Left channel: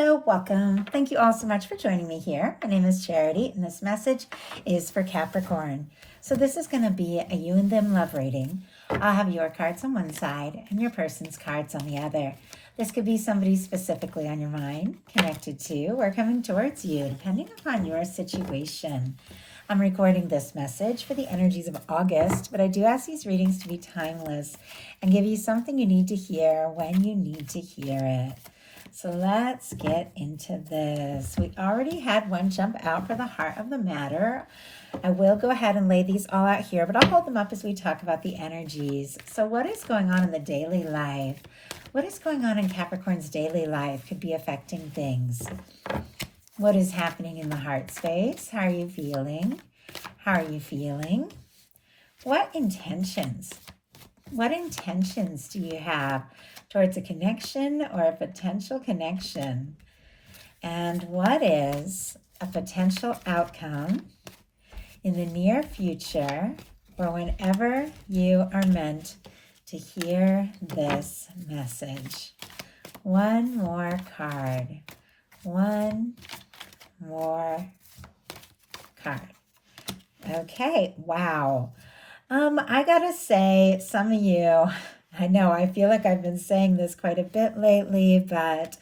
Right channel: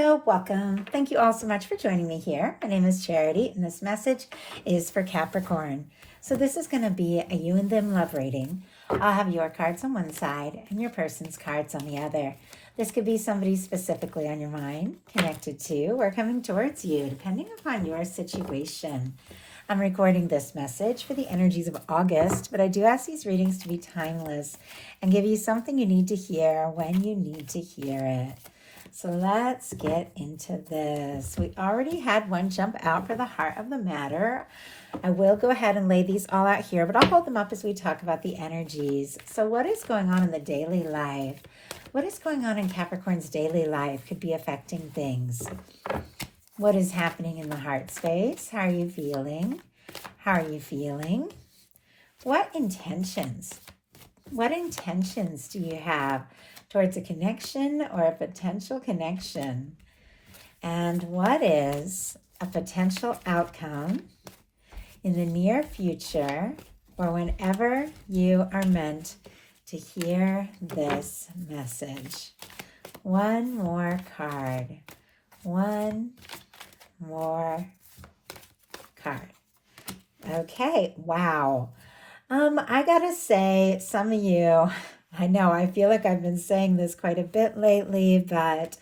Hello, welcome. Thank you all so much for joining me here. My name is Charity, and this message is for Capricorn. So this is going to be a you and them love reading. I'll have your cards on one side and your person's cards on the other. This could be somebody specifically on your mind, connected to, or coming towards you, depending upon your situation. I'm recording this message for the energies of August, but I do ask these readings to be timeless and give you something you need to hear when you need to hear it. So let's get into this. We already had one jump out for the heart of the matter. I will go ahead and lay these all out here, but I'll hold them up as we talk about the energies. So what is going on in the daily life? What is going on in Capricorn's daily life could be affecting things. What is happening in the heart space? How are you feeling? How are you feeling? What intentions? What intentions do you have towards a connection or a potential connection? And what is a potential outcome in the near future or whenever you are meant to hear this message? One more card. One more card. Okay, wow. I gotta say, some of you, I know, I feel like I've been saying this quite a bit lately, but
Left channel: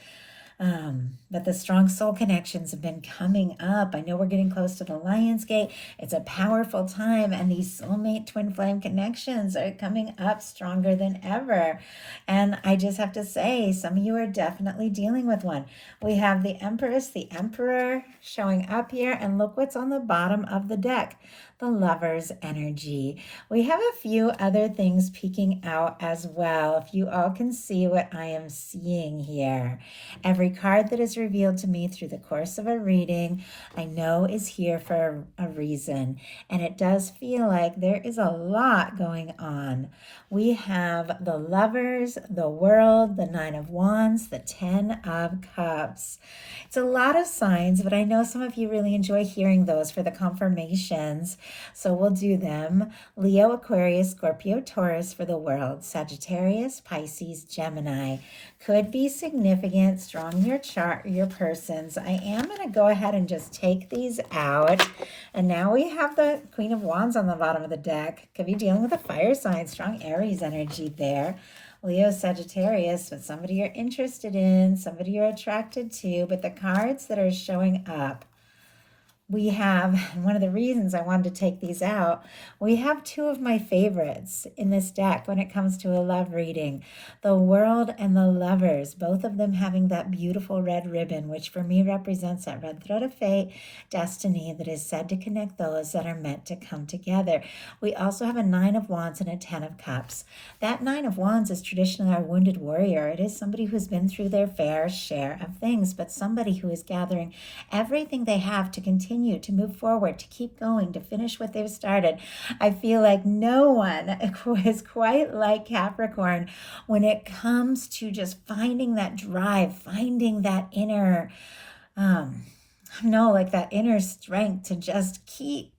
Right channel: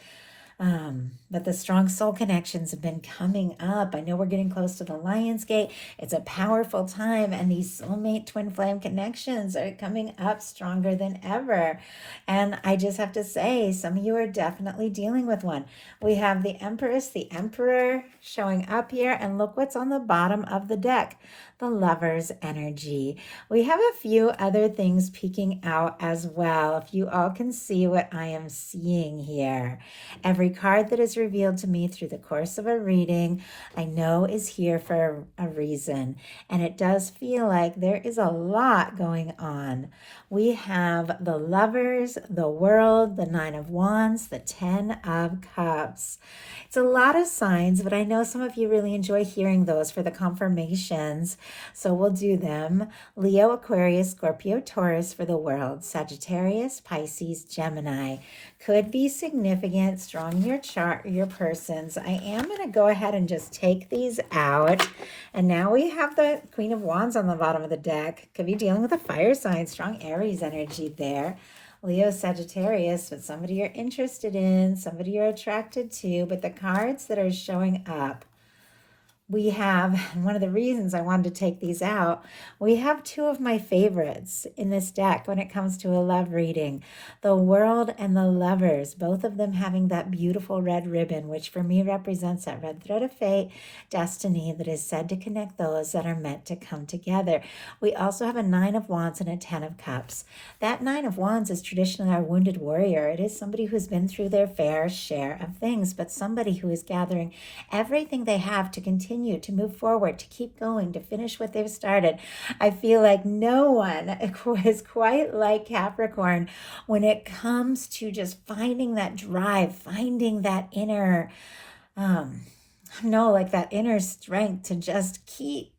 the strong soul connections have been coming up. I know we're getting close to the Lion's Gate. It's a powerful time, and these soulmate twin flame connections are coming up stronger than ever. And I just have to say, some of you are definitely dealing with one. We have the Empress, the Emperor showing up here, and look what's on the bottom of the deck. The Lover's energy. We have a few other things peeking out as well. If you all can see what I am seeing here. Every card that is revealed to me through the course of a reading, I know is here for a reason. And it does feel like there is a lot going on. We have the Lovers, the World, the Nine of Wands, the Ten of Cups. It's a lot of signs, but I know some of you really enjoy hearing those for the confirmations. So we'll do them. Leo, Aquarius, Scorpio, Taurus for the World. Sagittarius, Pisces, Gemini. Could be significant, strong in your chart or your persons. I am going to go ahead and just take these out. And now we have the Queen of Wands on the bottom of the deck. Could be dealing with a fire sign, strong Aries energy there. Leo, Sagittarius, with somebody you're interested in, somebody you're attracted to. But the cards that are showing up, we have, and one of the reasons I wanted to take these out, we have two of my favorites in this deck when it comes to a love reading. The World and the Lovers, both of them having that beautiful red ribbon, which for me represents that red thread of fate, destiny that is said to connect those that are meant to come together. We also have a Nine of Wands and a Ten of Cups. That Nine of Wands is traditionally our wounded warrior. It is somebody who's been through their fair share of things, but somebody who is gathering everything they have to continue to move forward, to keep going, to finish what they've started. I feel like no one is quite like Capricorn when it comes to just finding that drive, finding that inner, like that inner strength to just keep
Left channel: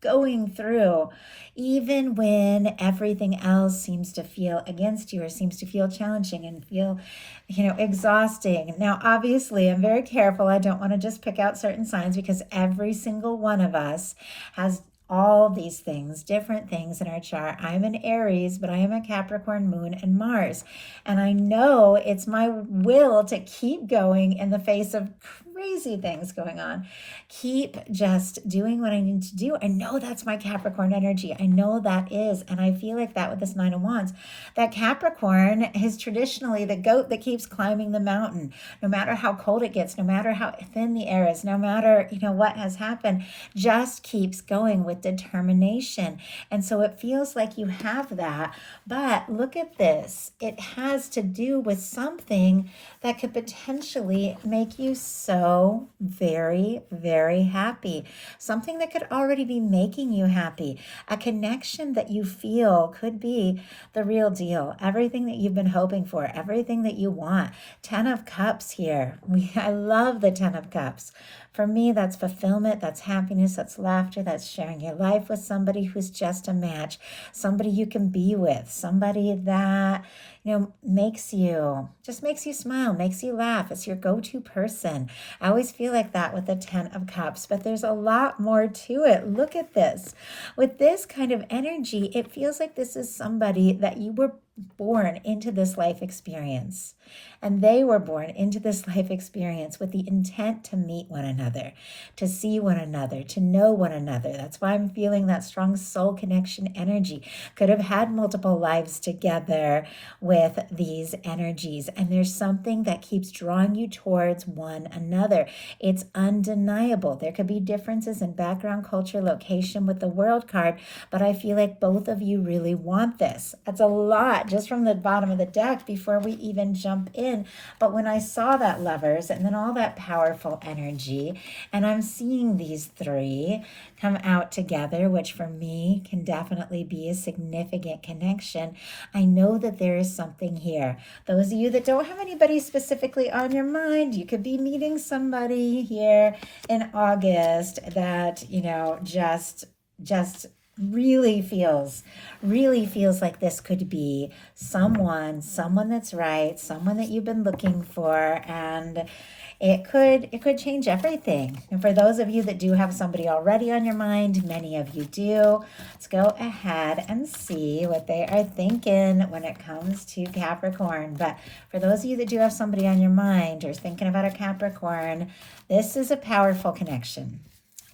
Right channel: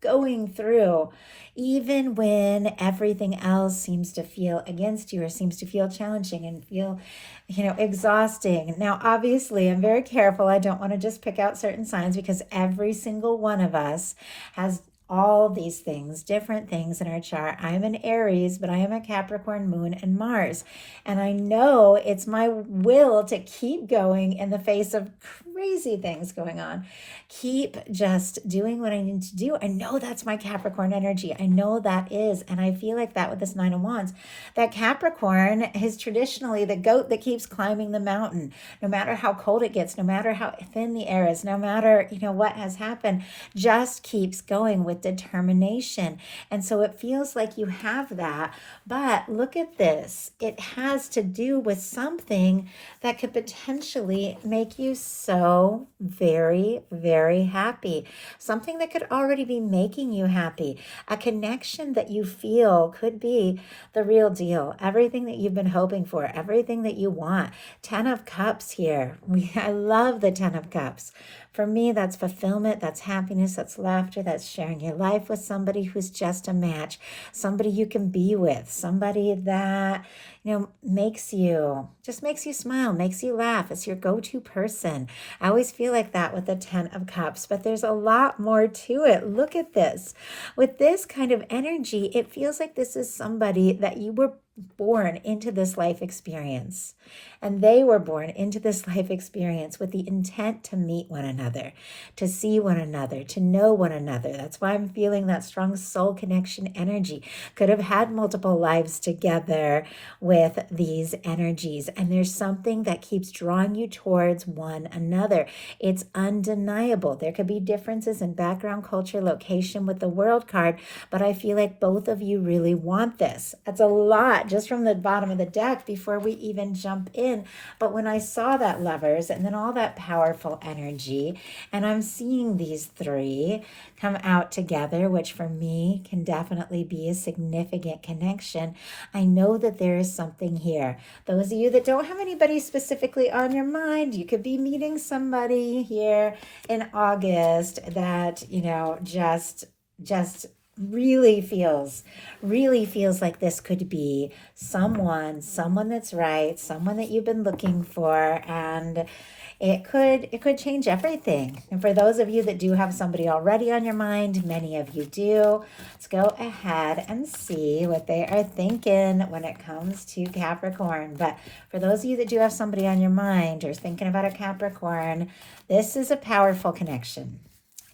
going through, even when everything else seems to feel against you or seems to feel challenging and feel, exhausting. Now, obviously, I'm very careful. I don't want to just pick out certain signs because every single one of us has all these things, different things in our chart. I'm an Aries, but I am a Capricorn, Moon, and Mars. And I know it's my will to keep going in the face of crazy things going on. Keep just doing what I need to do. I know that's my Capricorn energy. I know that is. And I feel like that with this Nine of Wands. That Capricorn is traditionally the goat that keeps climbing the mountain. No matter how cold it gets, no matter how thin the air is, no matter, what has happened, just keeps going with determination. And so it feels like you have that. But look at this. It has to do with something that could potentially make you so very, very happy. Something that could already be making you happy. A connection that you feel could be the real deal. Everything that you've been hoping for, everything that you want. Ten of Cups here. I love the Ten of Cups. For me, that's fulfillment, that's happiness, that's laughter, that's sharing your life with somebody who's just a match, somebody you can be with, somebody that, makes you smile, makes you laugh. It's your go-to person. I always feel like that with the 10 of Cups, but there's a lot more to it. Look at this. With this kind of energy, it feels like this is somebody that you were born into this life experience. And they were born into this life experience with the intent to meet one another, to see one another, to know one another. That's why I'm feeling that strong soul connection energy. Could have had multiple lives together with these energies. And there's something that keeps drawing you towards one another. It's undeniable. There could be differences in background, culture, location with the World card, but I feel like both of you really want this. That's a lot just from the bottom of the deck before we even jump in. But when I saw that Lovers and then all that powerful energy, and I'm seeing these three come out together, which for me can definitely be a significant connection, I know that there is something here. Those of you that don't have anybody specifically on your mind, you could be meeting somebody here in August that, just really feels like this could be someone that's right, someone that you've been looking for, and it could change everything. And for those of you that do have somebody already on your mind, many of you do, let's go ahead and see what they are thinking when it comes to Capricorn. But for those of you that do have somebody on your mind or thinking about a Capricorn, this is a powerful connection.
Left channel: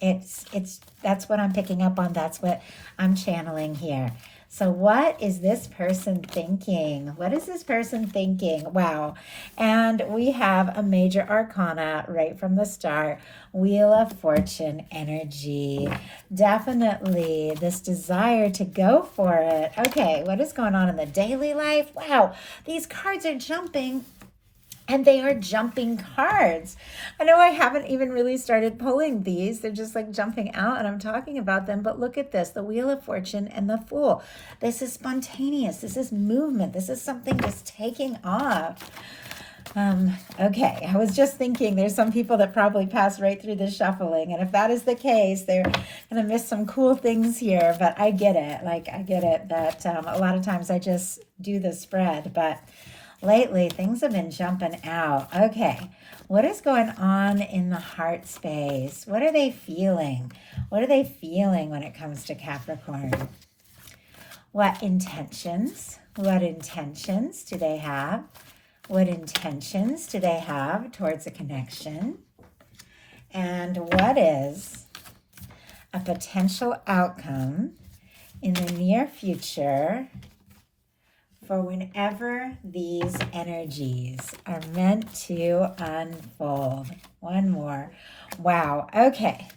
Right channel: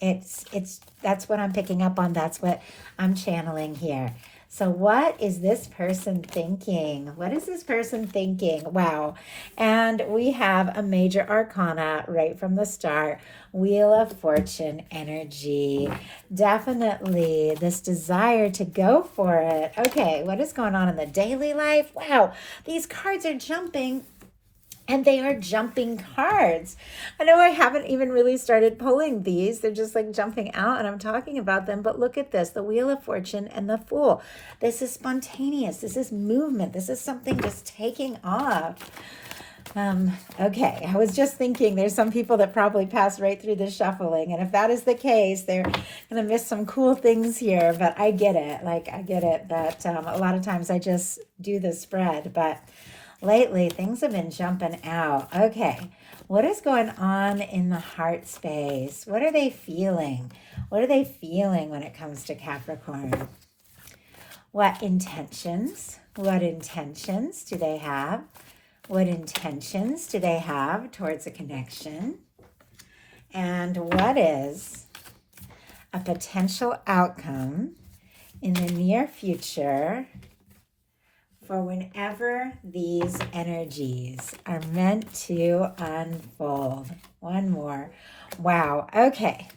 That's what I'm picking up on. That's what I'm channeling here. So what is this person thinking? What is this person thinking? Wow. And we have a major arcana right from the start. Wheel of Fortune energy. Definitely this desire to go for it. Okay, what is going on in the daily life? Wow, these cards are jumping. And they are jumping cards. I know I haven't even really started pulling these. They're just like jumping out and I'm talking about them. But look at this, the Wheel of Fortune and the Fool. This is spontaneous. This is movement. This is something just taking off. Okay, I was just thinking there's some people that probably pass right through the shuffling. And if that is the case, they're going to miss some cool things here. But I get it. I get it that a lot of times I just do the spread. But lately, things have been jumping out. Okay, what is going on in the heart space? What are they feeling? What are they feeling when it comes to Capricorn? What intentions? What intentions do they have? What intentions do they have towards a connection? And what is a potential outcome in the near future for whenever these energies are meant to unfold? One more. Wow. Okay.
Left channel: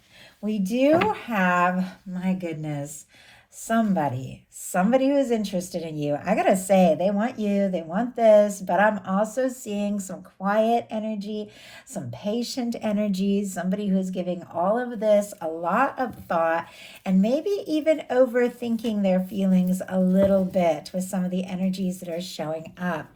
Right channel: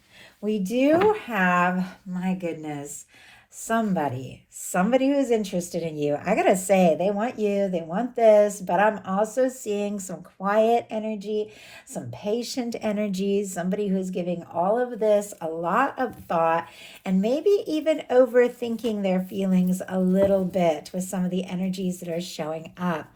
We do have, my goodness, somebody who's interested in you. I gotta say, they want you, they want this, but I'm also seeing some quiet energy, some patient energy, somebody who's giving all of this a lot of thought and maybe even overthinking their feelings a little bit with some of the energies that are showing up.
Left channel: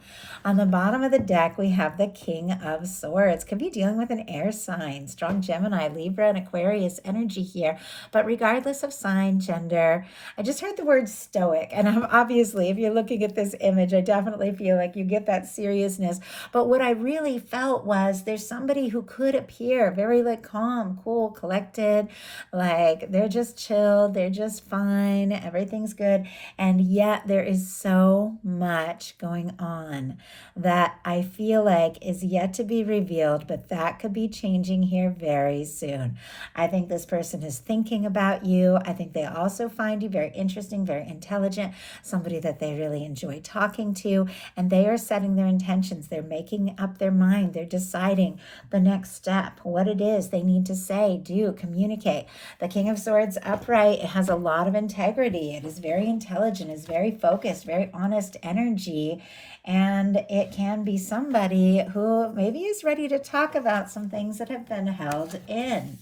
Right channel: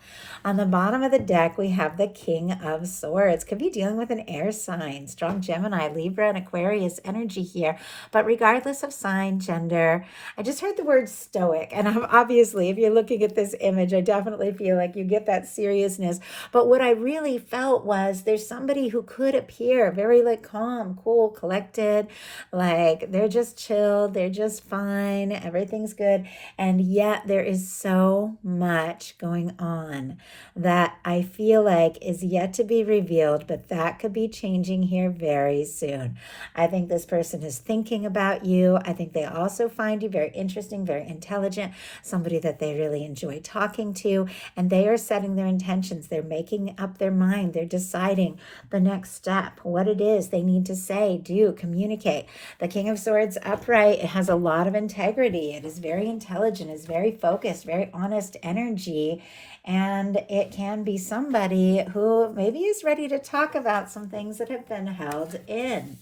On the bottom of the deck, we have the King of Swords. Could be dealing with an air sign, strong Gemini, Libra, and Aquarius energy here. But regardless of sign, gender, I just heard the word stoic. And I'm obviously, if you're looking at this image, I definitely feel like you get that seriousness. But what I really felt was there's somebody who could appear very calm, cool, collected, like they're just chilled, they're just fine, everything's good. And yet there is so much going on that I feel like is yet to be revealed, but that could be changing here very soon. I think this person is thinking about you. I think they also find you very interesting, very intelligent, somebody that they really enjoy talking to, and they are setting their intentions. They're making up their mind. They're deciding the next step, what it is they need to say, do, communicate. The King of Swords upright, it has a lot of integrity. It is very intelligent, is very focused, very honest energy. And it can be somebody who maybe is ready to talk about some things that have been held in.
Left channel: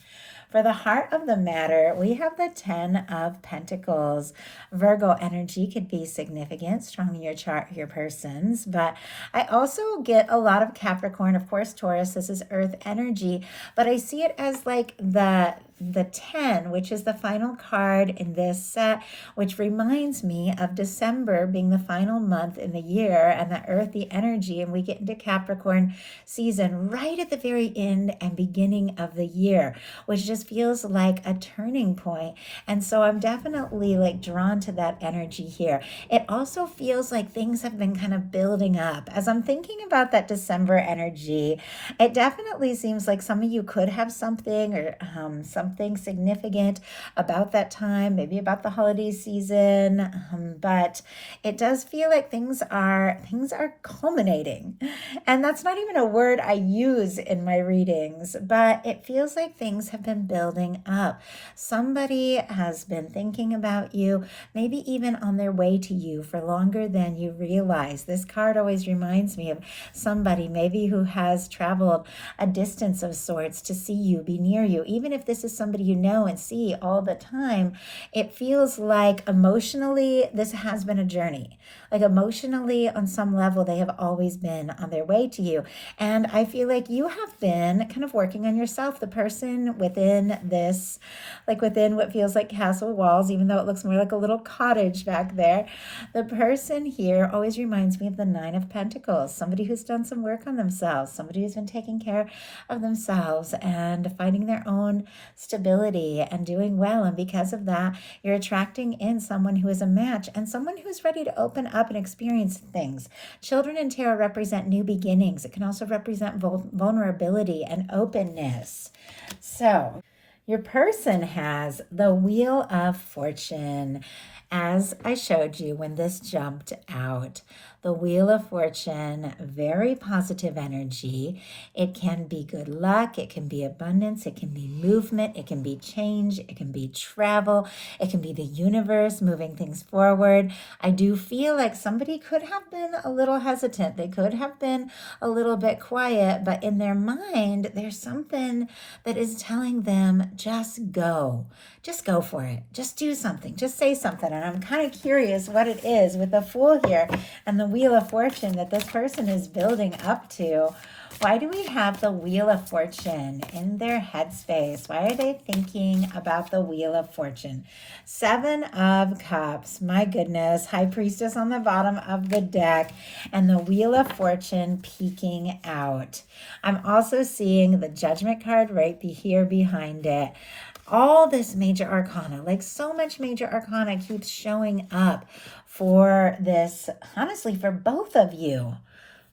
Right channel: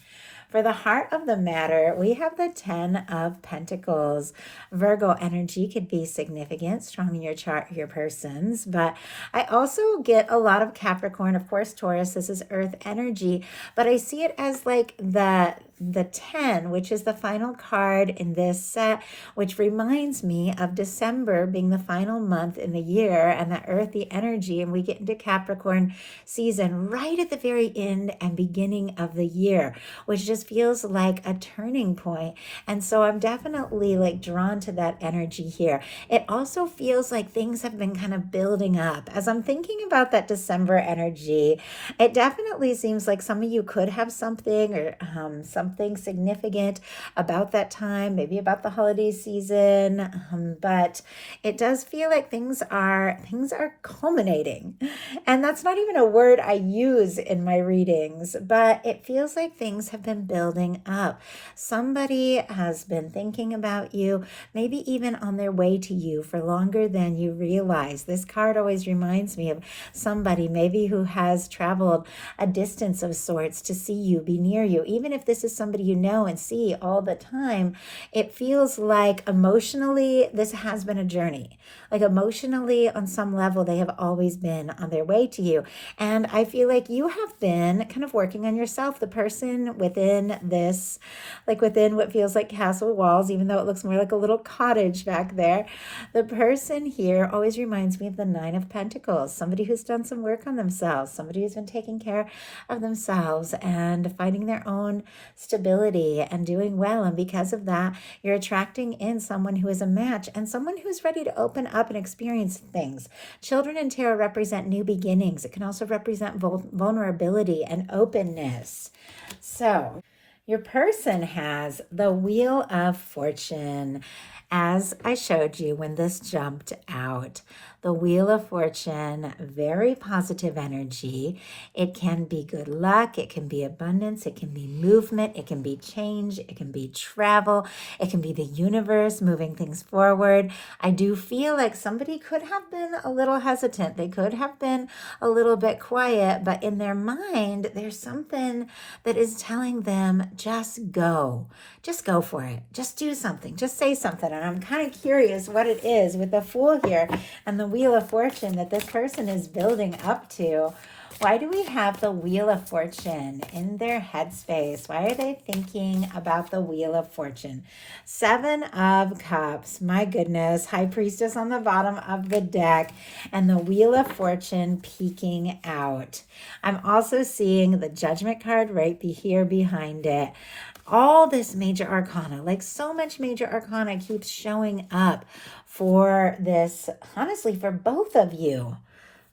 For the heart of the matter, we have the 10 of Pentacles. Virgo energy could be significant, strong in your chart, your persons. But I also get a lot of Capricorn. Of course, Taurus, this is earth energy. But I see it as like the the 10, which is the final card in this set, which reminds me of December being the final month in the year and the earthy energy. And we get into Capricorn season right at the very end and beginning of the year, which just feels like a turning point. And so I'm definitely like drawn to that energy here. It also feels like things have been kind of building up. As I'm thinking about that December energy, it definitely seems like some of you could have something or something significant about that time, maybe about the holiday season, but it does feel like things are culminating. And that's not even a word I use in my readings, but it feels like things have been building up. Somebody has been thinking about you, maybe even on their way to you for longer than you realize. This card always reminds me of somebody maybe who has traveled a distance of sorts to see you, be near you. Even if this is somebody you know and see all the time, it feels like emotionally this has been a journey. Like emotionally, on some level, they have always been on their way to you. And I feel like you have been kind of working on yourself, the person within this, like within what feels like castle walls, even though it looks more like a little cottage back there. The person here always reminds me of the Nine of Pentacles, somebody who's done some work on themselves, somebody who's been taking care of themselves and finding their own stability and doing well. And because of that, you're attracting in someone who is a match and someone who's ready to open up and experience things. Children in tarot represent new beginnings. It can also represent vulnerability and openness. So your person has the Wheel of Fortune. As I showed you when this jumped out, the Wheel of Fortune, very positive energy. It can be good luck, it can be abundance, it can be movement, it can be change, it can be travel, it can be the universe moving things forward. I do feel like somebody could have been a little hesitant. They could have been a little bit quiet, but in their mind, there's something that is telling them, just go. Just go for it. Just do something. Just say something. And I'm kind of curious what it is with the Fool here and the Wheel of Fortune that this person is building up to. Why do we have the Wheel of Fortune in their headspace? Why are they thinking about the Wheel of Fortune? Seven of Cups. My goodness. High Priestess on the bottom of the deck. And the Wheel of Fortune peeking out. I'm also seeing the Judgment card right here behind it. All this major arcana, like so much major arcana keeps showing up for this, honestly, for both of you.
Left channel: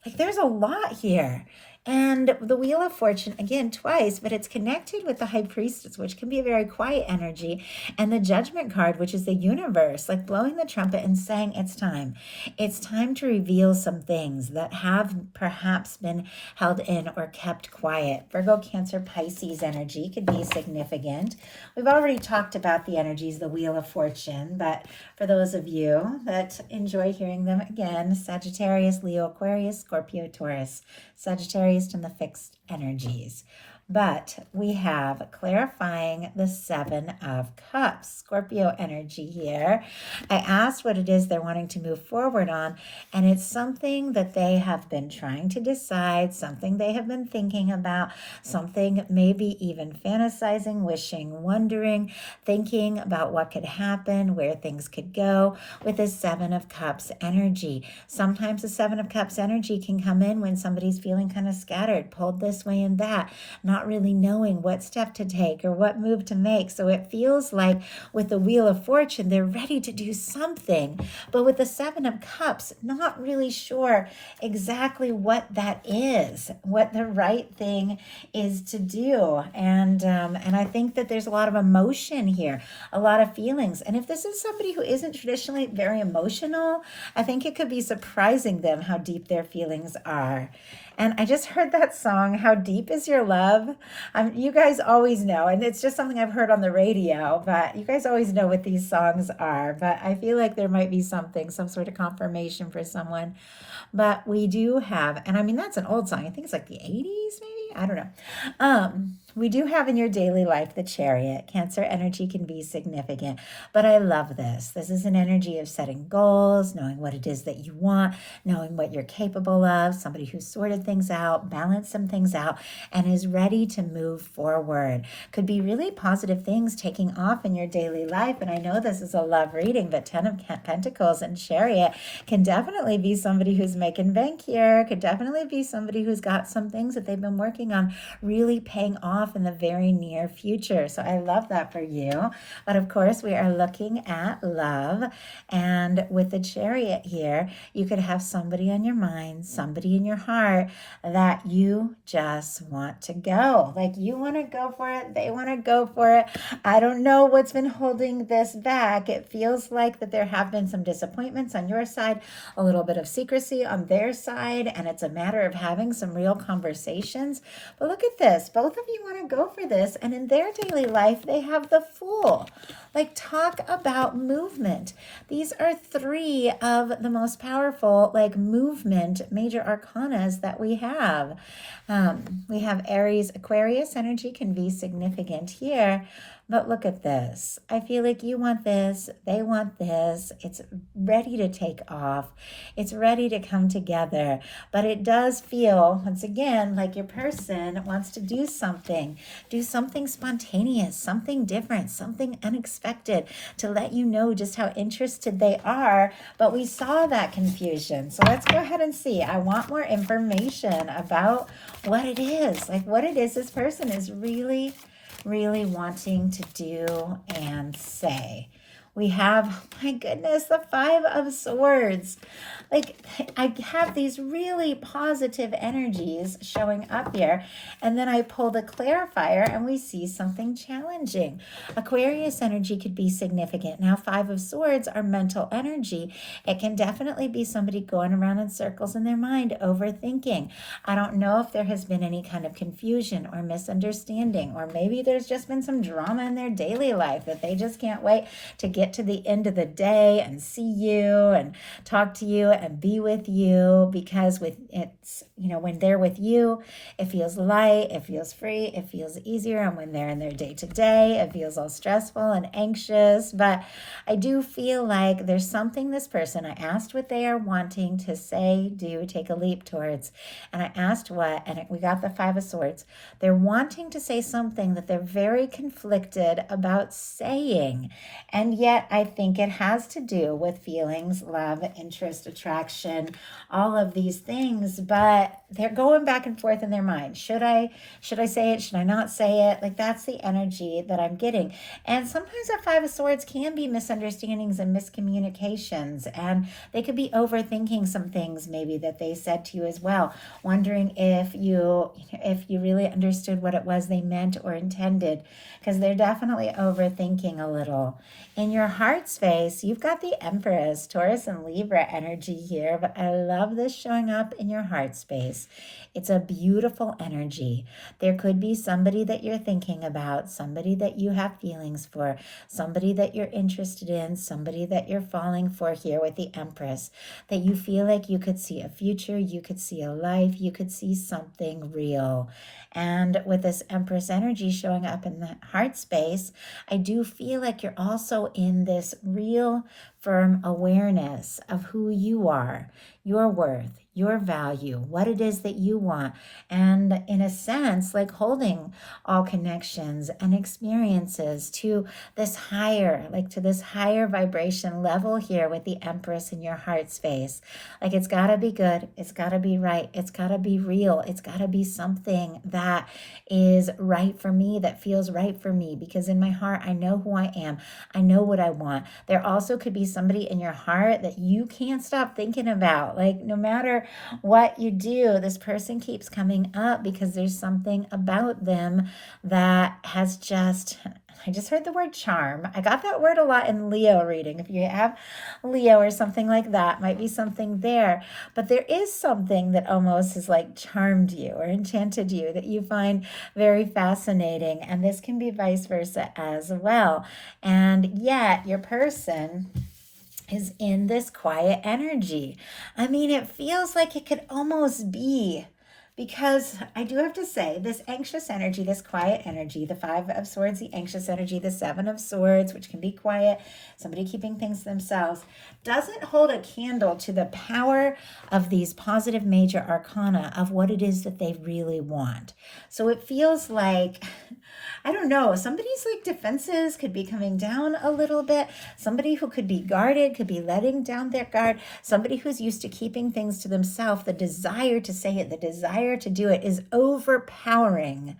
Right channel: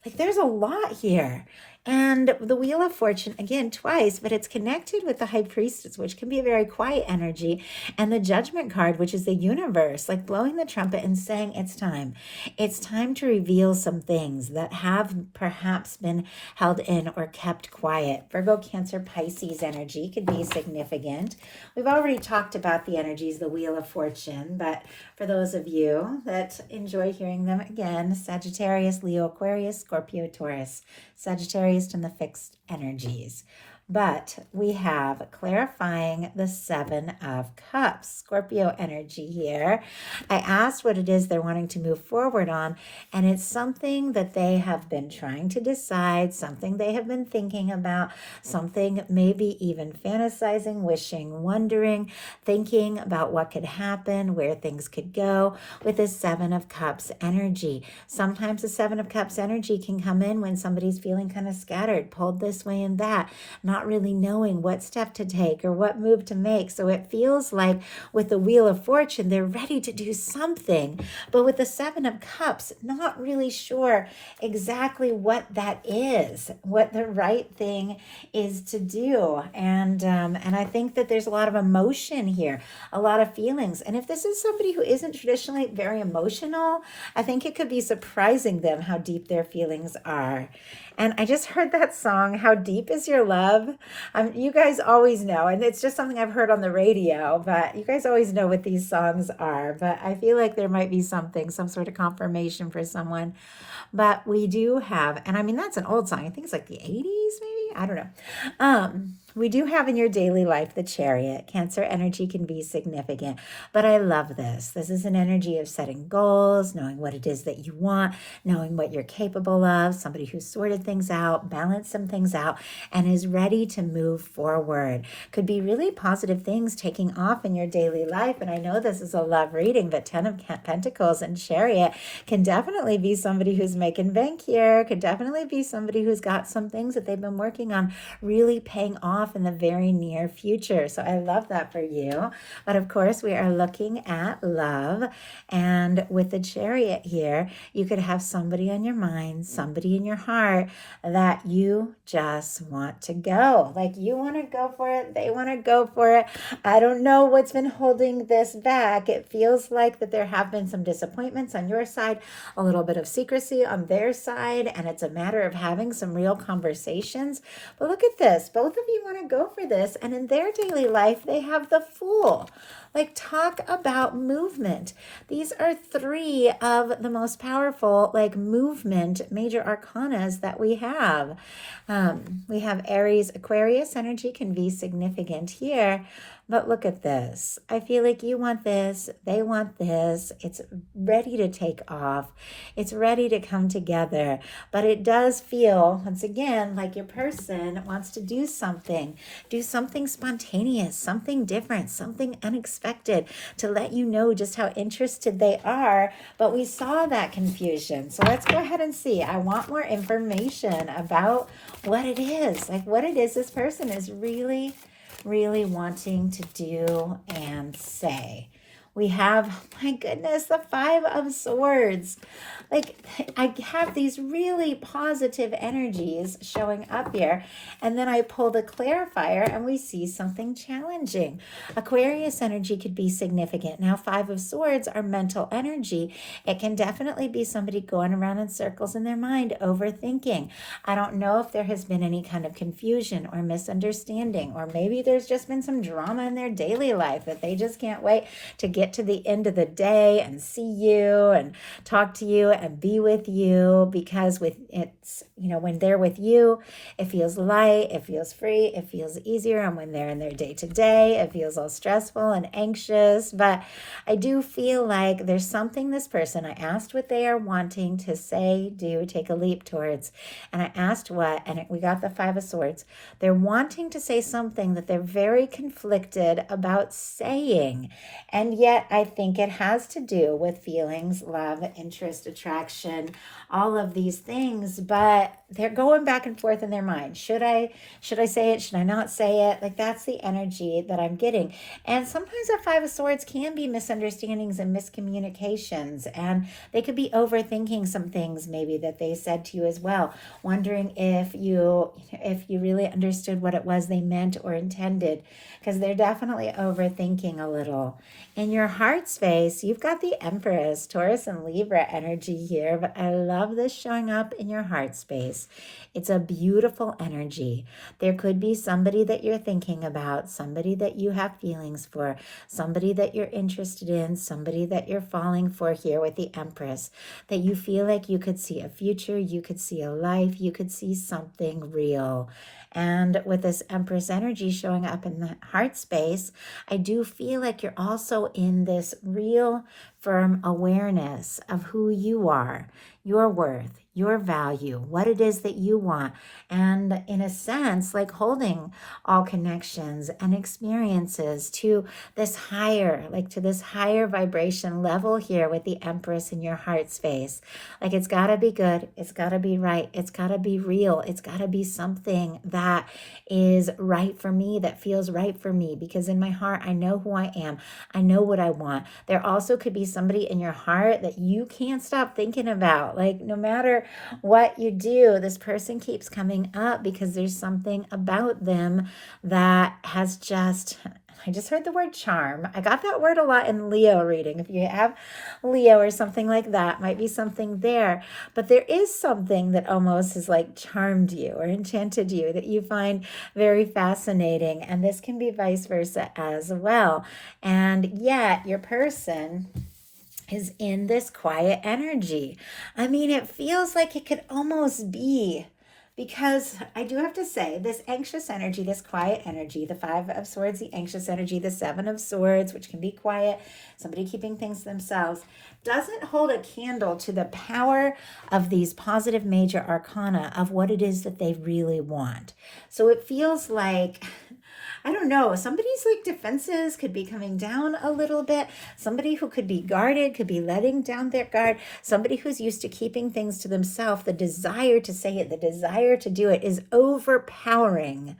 Like there's a lot here. And the Wheel of Fortune, again, twice, but it's connected with the High Priestess, which can be a very quiet energy, and the Judgment card, which is the universe, like blowing the trumpet and saying it's time. It's time to reveal some things that have perhaps been held in or kept quiet. Virgo, Cancer, Pisces energy could be significant. We've already talked about the energies, the Wheel of Fortune, but for those of you that enjoy hearing them again, Sagittarius, Leo, Aquarius, Scorpio, Taurus, Sagittarius and the fixed energies. But we have clarifying the Seven of Cups, Scorpio energy here. I asked what it is they're wanting to move forward on, and it's something that they have been trying to decide, something they have been thinking about, something maybe even fantasizing, wishing, wondering, thinking about what could happen, where things could go with the Seven of Cups energy. Sometimes the Seven of Cups energy can come in when somebody's feeling kind of scattered, pulled this way and that, not really knowing what step to take or what move to make. So it feels like with the Wheel of Fortune, they're ready to do something. But with the Seven of Cups, not really sure exactly what that is, what the right thing is to do. And I think that there's a lot of emotion here, a lot of feelings. And if this is somebody who isn't traditionally very emotional, I think it could be surprising them how deep their feelings are. And I just heard that song, How Deep Is Your Love? You guys always know, and it's just something I've heard on the radio, but you guys always know what these songs are. But I feel like there might be something, some sort of confirmation for someone. But we do have, and I mean, that's an old song. I think it's like the 80s, maybe? I don't know. We do have in your daily life the Chariot. Cancer energy can be significant, but I love this. This is an energy of setting goals, knowing what it is that you want, knowing what you're capable of, somebody who's sorted things out, balanced some things out, and is ready to move forward. Could be really positive things taking off in your daily life. And I know this is a love reading, but 10 of Pentacles and Chariot can definitely be somebody who's making bank here, could definitely be somebody who's got some things that they've been working on really paying off in the very near future. So I love that for you. But of course, we are looking at love. And with the Chariot here, you could have somebody on your mind, somebody in your heart that you just want to go. Like you want to go for it, they want to go for it. I don't know what's been holding this back. It feels like that there have been some disappointments on your side, a little bit of secrecy on their side, and it's a matter of having some real conversations. But look at this. Both of you want to go for this, and in their daily life, they have the Fool. Like, talk about movement. These are three of the most powerful, like, movement major arcanas that we have. We have Aries, Aquarius energy can be significant here. But look at this. I feel like you want this, they want this. It's ready to take off. It's ready to come together. But it does feel, once again, like your person wants to do something spontaneous, something different, something unexpected to let you know just how interested they are. But we saw that confusion. So let's go ahead and see. I want more information about what it is, like what it is this person is really wanting to do and say. We have, my goodness, the Five of Swords. Like, I have these really positive energies showing up here. And then I pull the clarifier and we see something challenging. Aquarius energy could be significant. Now, Five of Swords are mental energy. It can definitely be somebody going around in circles in their mind, overthinking. I don't know if there has been any kind of confusion or misunderstanding, or maybe there's just been some drama in their daily life that they just can't wait to get to the end of the day and see you and talk to you and be with you, because with it's, you know, when they're with you, it feels light, it feels free, it feels easier. And when they're in their day to day, it feels all stressful and anxious. But I do feel like there's something this person, I asked what they are wanting to say, do, take a leap towards. And I asked what, and we got the Five of Swords. They're wanting to say something that they're very conflicted about saying. And yet I think it has to do with feelings, love, interest, attraction, all of these things, but they're going back and forth in their mind. Should I say it? Should I not say it? Like, that's the energy that I'm getting. And sometimes a Five of Swords can be misunderstandings and miscommunications, and they could be overthinking some things maybe that they said to you as well, wondering if you really understood what it was they meant or intended, because they're definitely overthinking a little. In your heart space, you've got the Empress, Taurus and Libra energy here, but I love this showing up in your heart space. It's a beautiful energy. There could be somebody that you're thinking about, somebody that you have feelings for, somebody that you're interested in, somebody that you're falling for here with the Empress, that you feel like you could see a future, you could see a life, you could see something real. And with this Empress energy showing up in the heart space, I do feel like you're also in this real firm awareness of who you are, your worth, your value, what it is that you want. And in a sense, like holding all connections and experiences to this higher, like to this higher vibration level here with the Empress in your heart space. Like, it's got to be good. It's got to be right. It's got to be real. It's got to be something that is right for me, that feels right for me, because in my heart, I know who I am. I know what I want. There also could be somebody in your heart that you can't stop thinking about. Like, no matter what you do, this person keeps coming up because there's something about them that has just, I just heard the word charm. I got that word a lot in Leo reading. If you have Leo or something like that, might be something there. But there is something that almost has like charmed you or enchanted you that you find very fascinating. And this can be vice versa as well. And yet your person is in this quiet energy. I mean, it feels like it could almost be because I do have to say this anxious energy, this quiet energy, the Five of Swords, the anxious energy, the Seven of Swords, which can be quiet, somebody keeping things to themselves, doesn't hold a candle to the power of these positive major arcana of what it is that they really want. So it feels like, I don't know, somebody's like defenses could be coming down a little bit. Somebody who could be guarded could be letting down their guard. Somebody who's used to keeping things to themselves, the desire to say it, the desire to do it is overpowering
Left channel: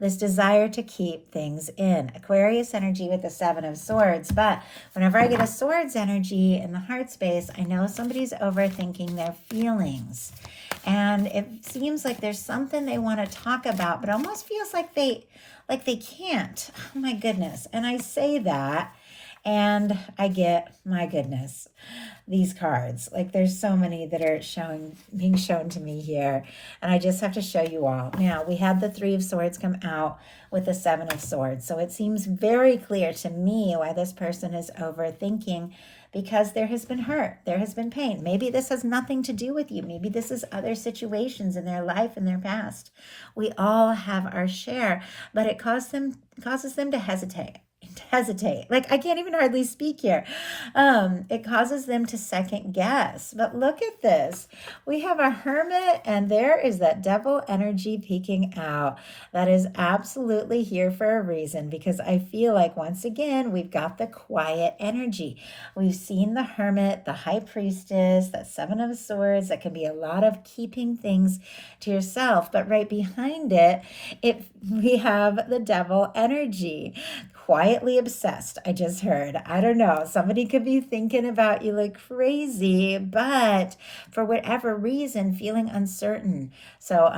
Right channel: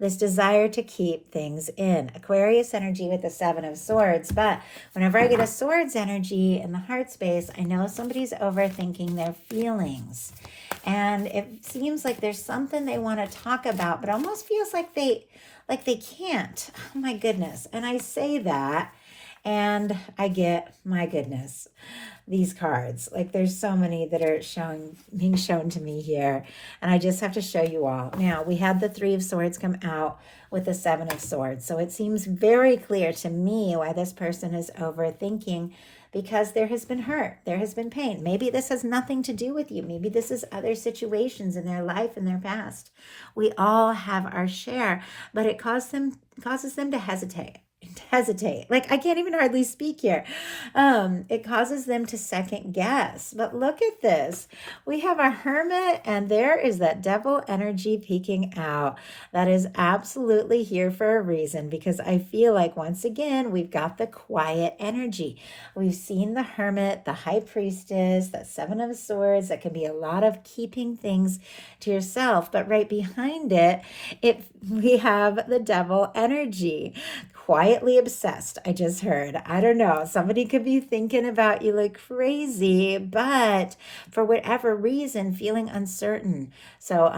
this desire to keep things in. Aquarius energy with the Seven of Swords. But whenever I get a Swords energy in the heart space, I know somebody's overthinking their feelings. And it seems like there's something they want to talk about, but almost feels like they can't. Oh my goodness. And I say that and I get, my goodness, these cards. Like there's so many that are being shown to me here. And I just have to show you all. Now we had the Three of Swords come out with the Seven of Swords. So it seems very clear to me why this person is overthinking, because there has been hurt, there has been pain. Maybe this has nothing to do with you. Maybe this is other situations in their life, in their past. We all have our share, but it causes them to hesitate. Like I can't even hardly speak here. It causes them to second guess. But look at this. We have a Hermit, and there is that devil energy peeking out. That is absolutely here for a reason, because I feel like once again we've got the quiet energy. We've seen the Hermit, the High Priestess, that Seven of Swords. That can be a lot of keeping things to yourself, but right behind it, we have the devil energy. Quietly obsessed, I just heard. I don't know. Somebody could be thinking about you like crazy, but for whatever reason, feeling uncertain. So,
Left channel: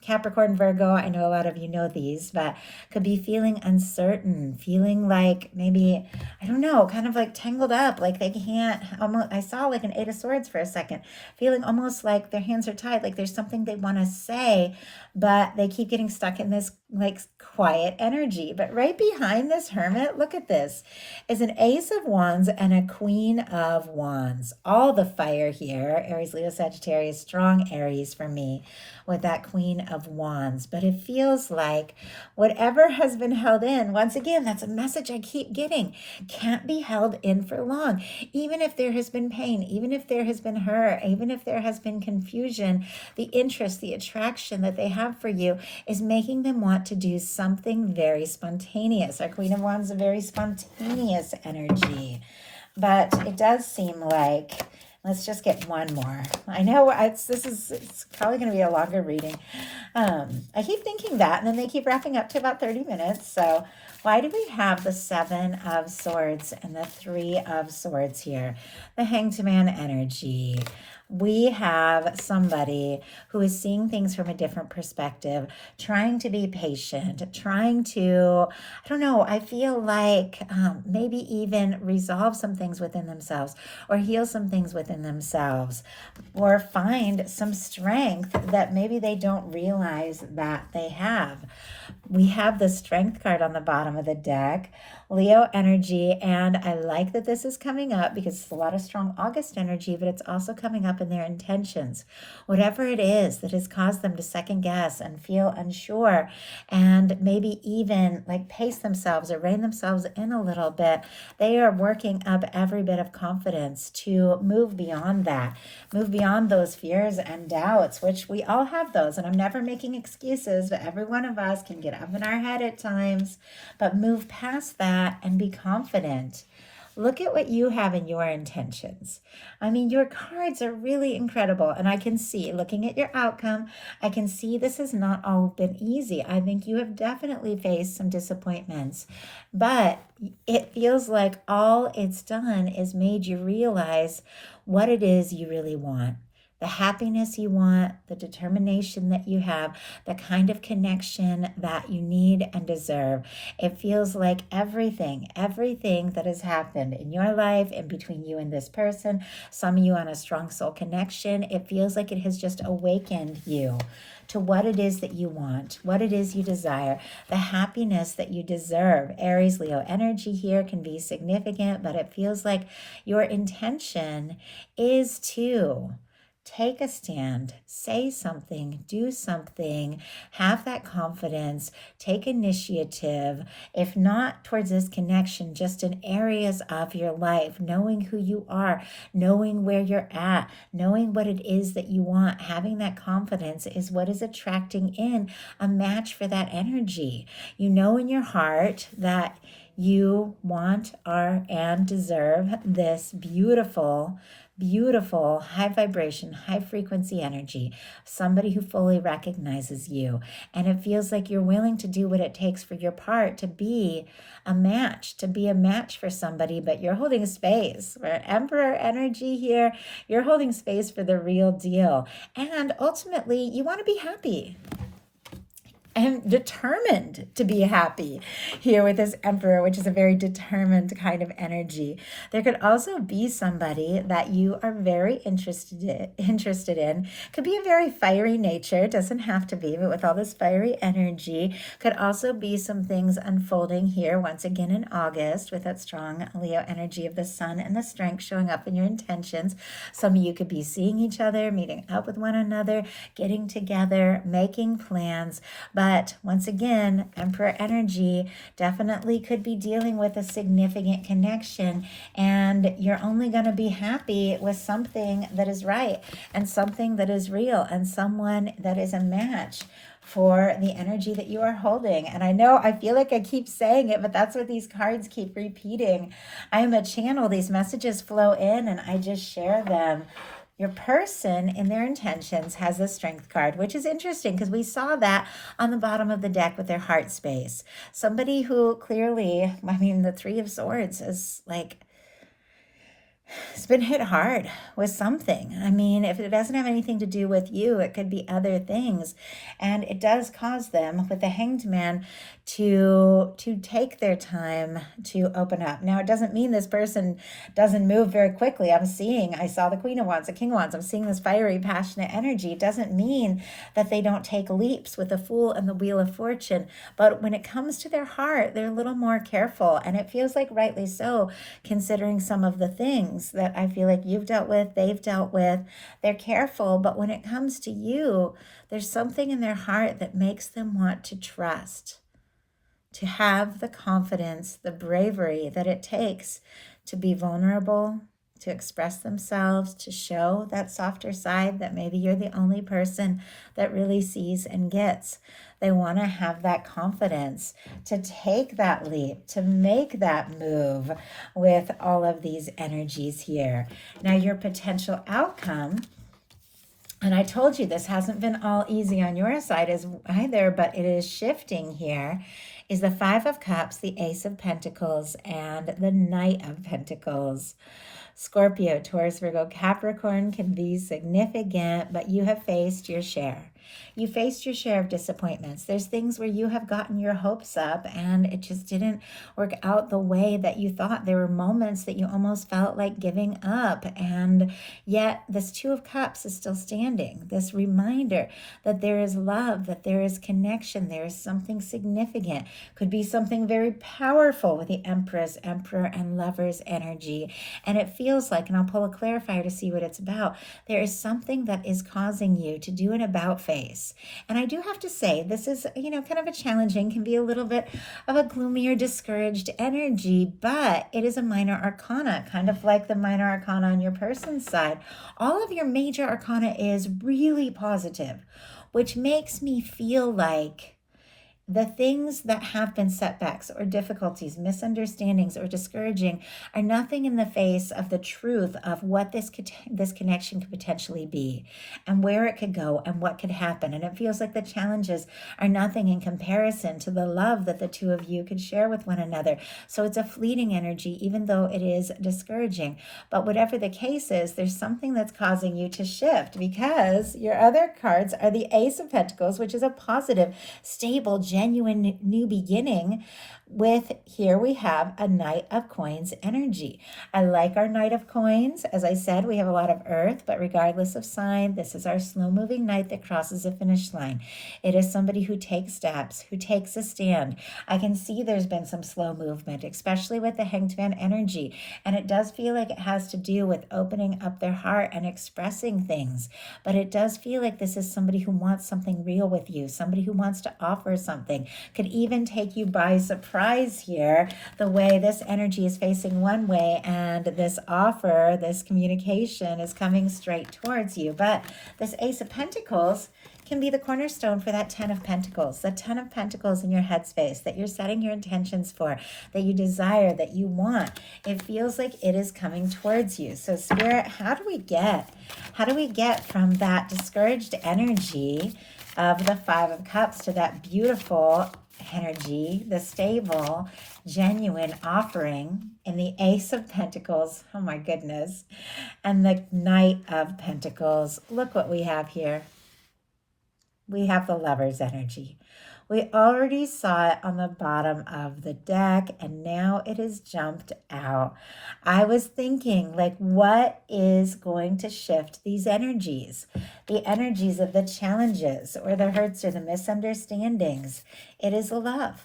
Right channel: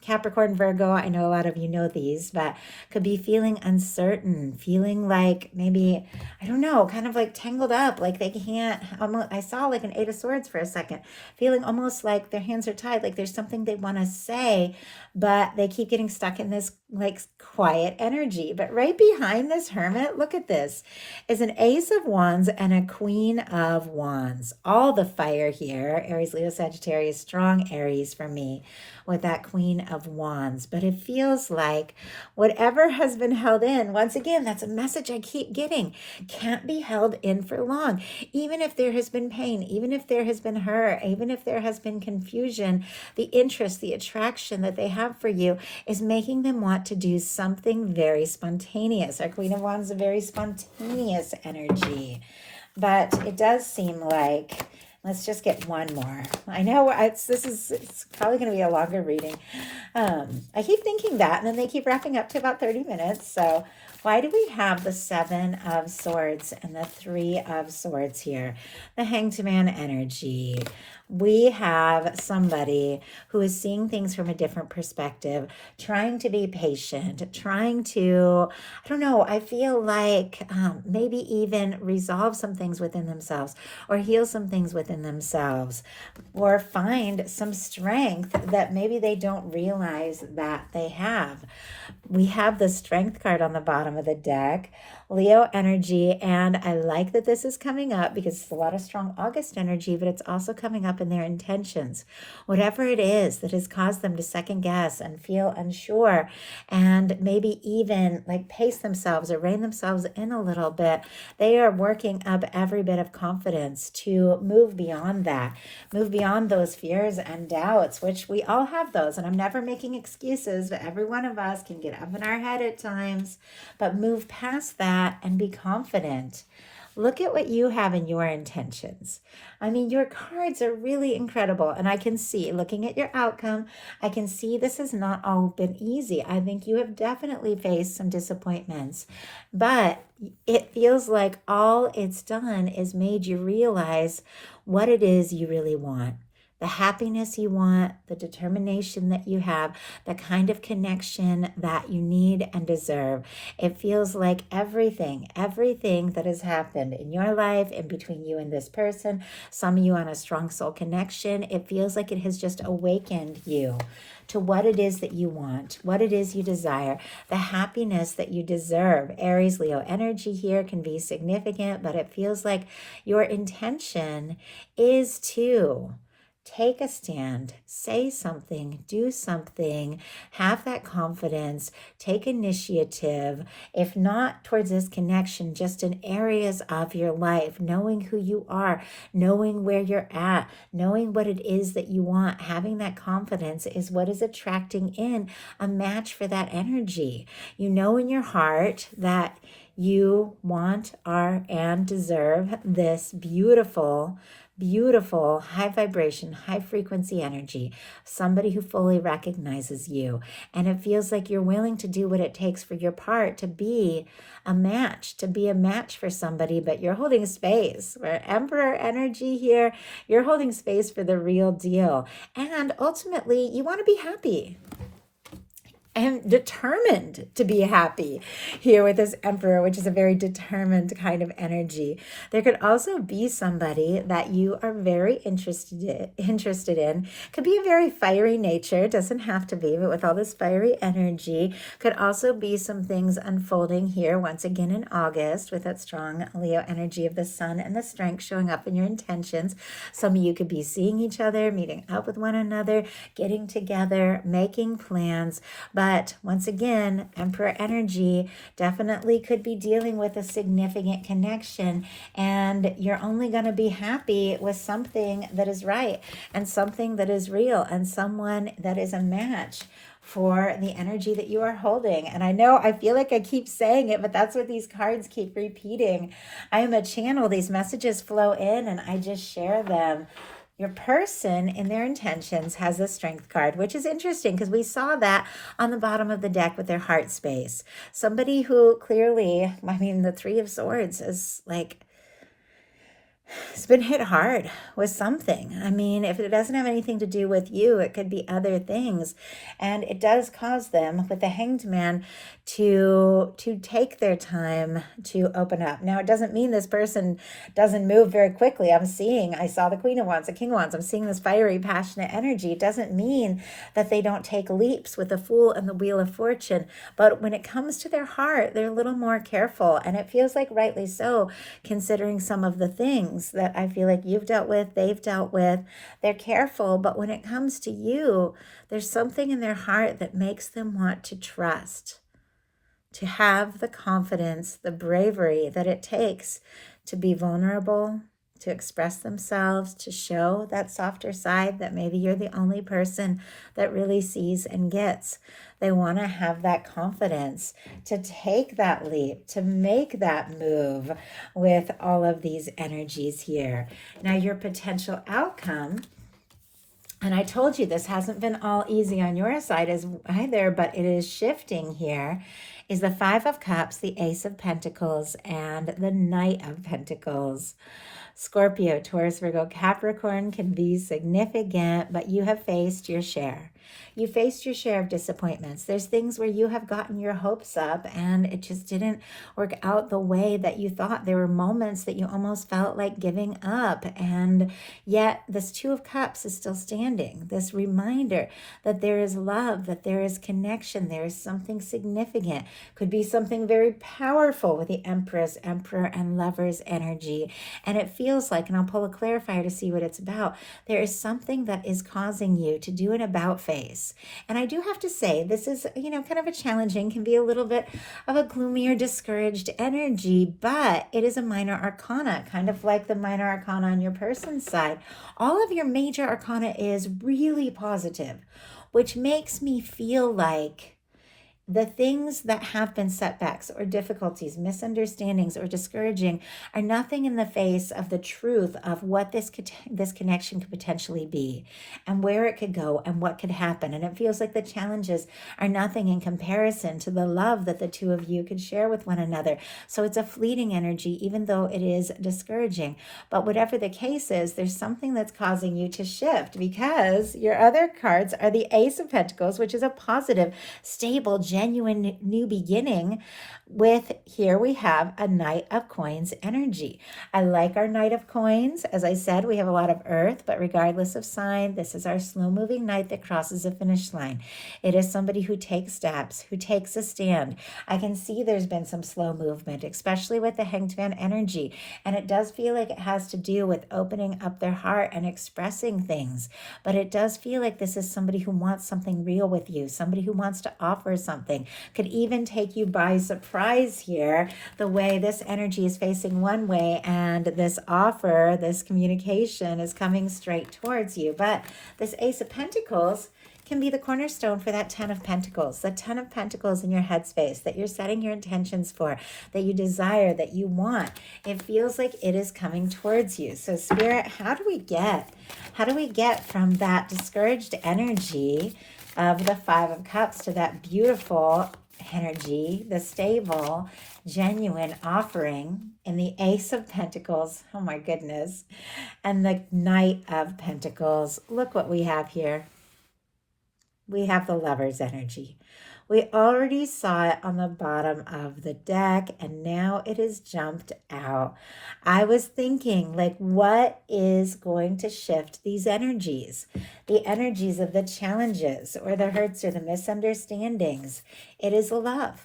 Capricorn, Virgo, I know a lot of you know these, but could be feeling uncertain, feeling like maybe, I don't know, kind of like tangled up, like they can't, almost, I saw like an Eight of Swords for a second, feeling almost like their hands are tied, like there's something they want to say, but they keep getting stuck in this like quiet energy. But right behind this Hermit, look at this, is an Ace of Wands and a Queen of Wands. All the fire here, Aries, Leo, Sagittarius, strong Aries for me with that Queen of Wands. But it feels like whatever has been held in, once again, that's a message I keep getting, can't be held in for long. Even if there has been pain, even if there has been hurt, even if there has been confusion, the interest, the attraction that they have for you is making them want to do something very spontaneous. Our Queen of Wands is a very spontaneous energy. But it does seem like, let's just get one more. I know it's probably going to be a longer reading. I keep thinking that, and then they keep wrapping up to about 30 minutes. So why do we have the Seven of Swords and the Three of Swords here? The Hanged Man energy. We have somebody who is seeing things from a different perspective, trying to be patient, trying to, I don't know, I feel like maybe even resolve some things within themselves or heal some things within themselves or find some strength that maybe they don't realize that they have. We have the Strength card on the bottom of the deck, Leo energy, and I like that this is coming up because it's a lot of strong August energy, but it's also coming up in their intentions. Whatever it is that has caused them to second guess and feel unsure and maybe even like pace themselves or rein themselves in a little bit, they are working up every bit of confidence to move beyond that, move beyond those fears and doubts, which we all have those. And I'm never making excuses, but every one of us can get up in our head at times, but move past that and be confident. Look at what you have in your intentions. I mean, your cards are really incredible. And I can see, looking at your outcome, I can see this has not all been easy. I think you have definitely faced some disappointments. But it feels like all it's done is made you realize what it is you really want. The happiness you want, the determination that you have, the kind of connection that you need and deserve. It feels like everything that has happened in your life and between you and this person, some of you on a strong soul connection, it feels like it has just awakened you to what it is that you want, what it is you desire, the happiness that you deserve. Aries, Leo energy here can be significant, but it feels like your intention is to take a stand, say something, do something, have that confidence, take initiative, if not towards this connection, just in areas of your life, knowing who you are, knowing where you're at, knowing what it is that you want, having that confidence is what is attracting in a match for that energy. You know in your heart that you want, are, and deserve this beautiful, beautiful, high vibration, high frequency energy, somebody who fully recognizes you. And it feels like you're willing to do what it takes for your part to be a match, for somebody, but you're holding space. We're Emperor energy here. You're holding space for the real deal. And ultimately, you want to be happy. Am determined to be happy here with this Emperor, which is a very determined kind of energy. There could also be somebody that you are very interested in. Could be a very fiery nature, doesn't have to be, but with all this fiery energy, could also be some things unfolding here once again in August with that strong Leo energy of the sun and the strength showing up in your intentions. Some of you could be seeing each other, meeting up with one another, getting together, making plans. But once again, Emperor energy definitely could be dealing with a significant connection, and you're only going to be happy with something that is right and something that is real and someone that is a match for the energy that you are holding. And I know I feel like I keep saying it, but that's what these cards keep repeating. I am a channel. These messages flow in and I just share them. Your person in their intentions has a strength card, which is interesting because we saw that on the bottom of the deck with their heart space. Somebody who clearly, the Three of Swords is like, it's been hit hard with something. If it doesn't have anything to do with you, it could be other things. And it does cause them, with the Hanged Man, to take their time to open up. Now, it doesn't mean this person doesn't move very quickly. I saw the Queen of Wands, the King of Wands. I'm seeing this fiery, passionate energy. It doesn't mean that they don't take leaps with the Fool and the Wheel of Fortune. But when it comes to their heart, they're a little more careful. And it feels like rightly so, considering some of the things that I feel like you've dealt with, they've dealt with. They're careful, but when it comes to you, there's something in their heart that makes them want to trust, to have the confidence, the bravery that it takes to be vulnerable, to express themselves, to show that softer side that maybe you're the only person that really sees and gets. They want to have that confidence to take that leap, to make that move with all of these energies here. Now, your potential outcome, and I told you this hasn't been all easy on your side as either, but it is shifting here, is the Five of Cups, the Ace of Pentacles, and the Knight of Pentacles. Scorpio, Taurus, Virgo, Capricorn can be significant, but you have faced your share. You faced your share of disappointments. There's things where you have gotten your hopes up and it just didn't work out the way that you thought. There were moments that you almost felt like giving up. And yet this Two of Cups is still standing. This reminder that there is love, that there is connection, there is something significant. Could be something very powerful with the Empress, Emperor, and Lovers energy. And it feels like, and I'll pull a clarifier to see what it's about, there is something that is causing you to do an about face. And I do have to say, this is, kind of a challenging, can be a little bit of a gloomy or discouraged energy, but it is a minor arcana, kind of like the minor arcana on your person's side. All of your major arcana is really positive, which makes me feel like the things that have been setbacks or difficulties, misunderstandings, or discouraging are nothing in the face of the truth of what this connection could potentially be and where it could go and what could happen. And it feels like the challenges are nothing in comparison to the love that the two of you could share with one another. So it's a fleeting energy, even though it is discouraging. But whatever the case is, there's something that's causing you to shift, because your other cards are the Ace of Pentacles, which is a positive, stable, genuine new beginning with, here we have a Knight of Coins energy. I like our Knight of Coins. As I said, we have a lot of earth, but regardless of sign, this is our slow moving knight that crosses a finish line. It is somebody who takes steps, who takes a stand. I can see there's been some slow movement, especially with the Hanged Man energy. And it does feel like it has to do with opening up their heart and expressing things. But it does feel like this is somebody who wants something real with you, somebody who wants to offer something, could even take you by surprise here, the way this energy is facing one way and this offer, this communication is coming straight towards you. But this Ace of Pentacles can be the cornerstone for that 10 of Pentacles, the 10 of Pentacles in your headspace that you're setting your intentions for, that you desire, that you want. It feels like it is coming towards you. So Spirit, how do we get from that discouraged energy of the Five of Cups to that beautiful energy, the stable, genuine offering in the Ace of Pentacles, oh my goodness, and the Knight of Pentacles? Look what we have here. We have the Lover's energy. We already saw it on the bottom of the deck, and now it has jumped out. I was thinking, like, what is going to shift these energies? The energies of the challenges or the hurts or the misunderstandings. It is love.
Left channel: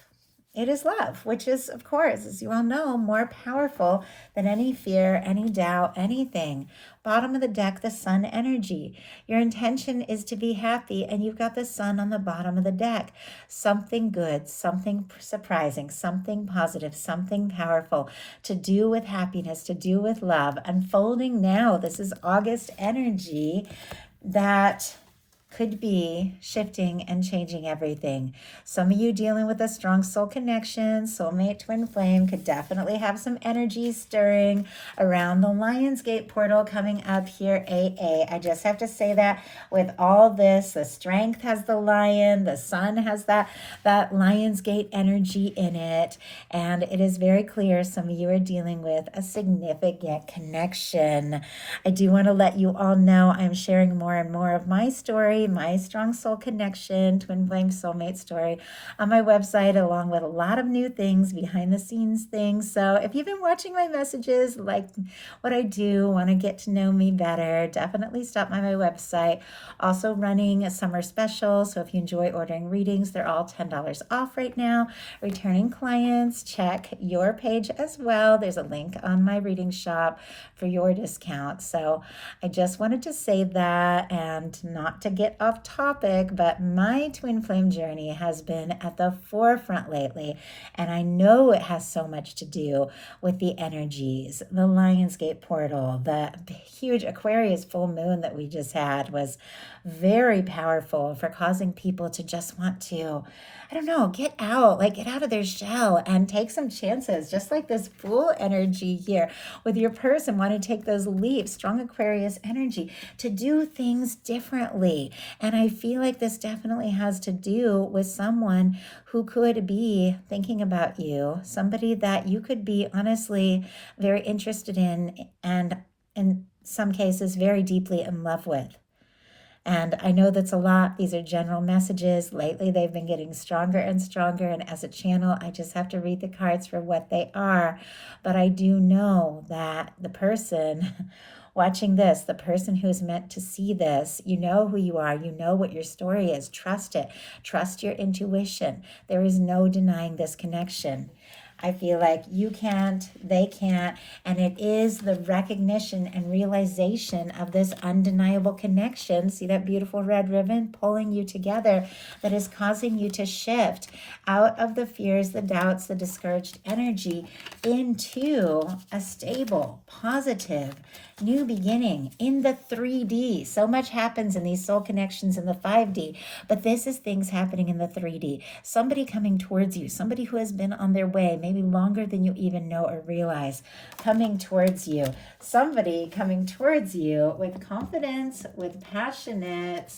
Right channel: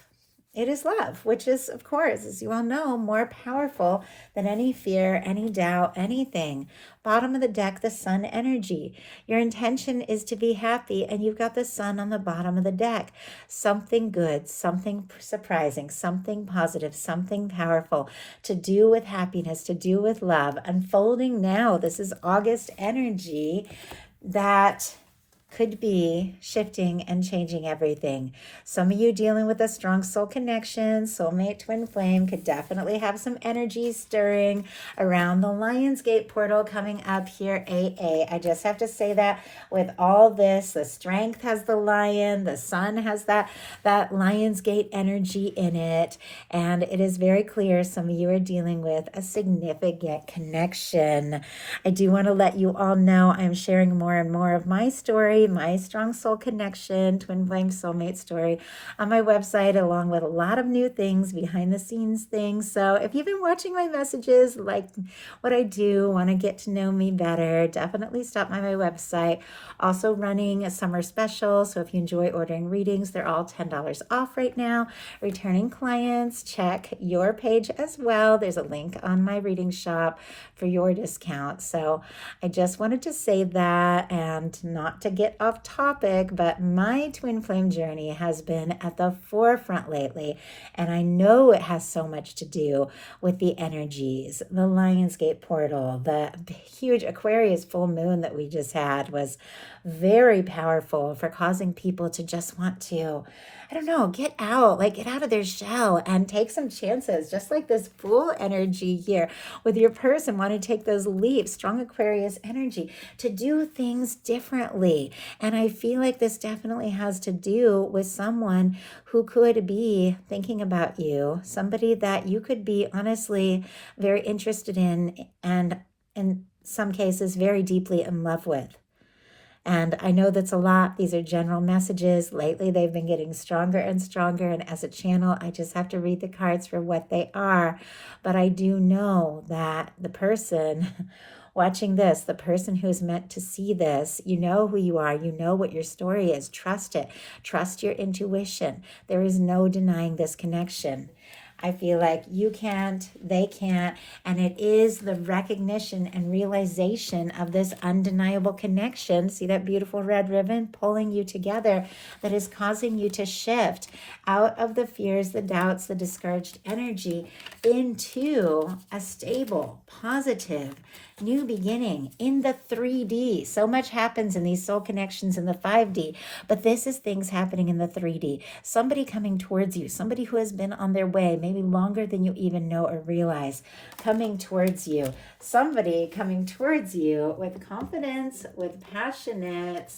It is love, which is, of course, as you all know, more powerful than any fear, any doubt, anything. Bottom of the deck, the Sun energy. Your intention is to be happy, and you've got the Sun on the bottom of the deck. Something good, something surprising, something positive, something powerful to do with happiness, to do with love, unfolding now. This is August energy that could be shifting and changing everything. Some of you dealing with a strong soul connection, soulmate, twin flame, could definitely have some energy stirring around the Lionsgate portal coming up here, AA. I just have to say that with all this, the strength has the lion, the sun has that Lionsgate energy in it, and it is very clear some of you are dealing with a significant connection. I do want to let you all know I'm sharing more and more of my story, my strong soul connection, twin flame soulmate story on my website, along with a lot of new things, behind the scenes things. So if you've been watching my messages, like what I do, want to get to know me better, definitely stop by my website. Also running a summer special. So if you enjoy ordering readings, they're all $10 off right now. Returning clients, check your page as well. There's a link on my reading shop for your discount. So I just wanted to say that, and not to get off topic, but my twin flame journey has been at the forefront lately, and I know it has so much to do with the energies. The Lionsgate portal, the huge Aquarius full moon that we just had was very powerful for causing people to just want to, I don't know, get out of their shell and take some chances, just like this Fool energy here with your person wanting to take those leaps, strong Aquarius energy, to do things differently. And I feel like this definitely has to do with someone who could be thinking about you, somebody that you could be honestly very interested in, and in some cases very deeply in love with. And I know that's a lot. These are general messages. Lately, they've been getting stronger and stronger. And as a channel, I just have to read the cards for what they are. But I do know that the person watching this, the person who is meant to see this, you know who you are. You know what your story is. Trust it. Trust your intuition. There is no denying this connection. I feel like you can't, they can't, and it is the recognition and realization of this undeniable connection. See that beautiful red ribbon pulling you together that is causing you to shift out of the fears, the doubts, the discouraged energy into a stable, positive, new beginning in the 3D. So much happens in these soul connections in the 5D, but this is things happening in the 3D. Somebody coming towards you, somebody who has been on their way, maybe longer than you even know or realize, coming towards you. Somebody coming towards you with confidence, with passionate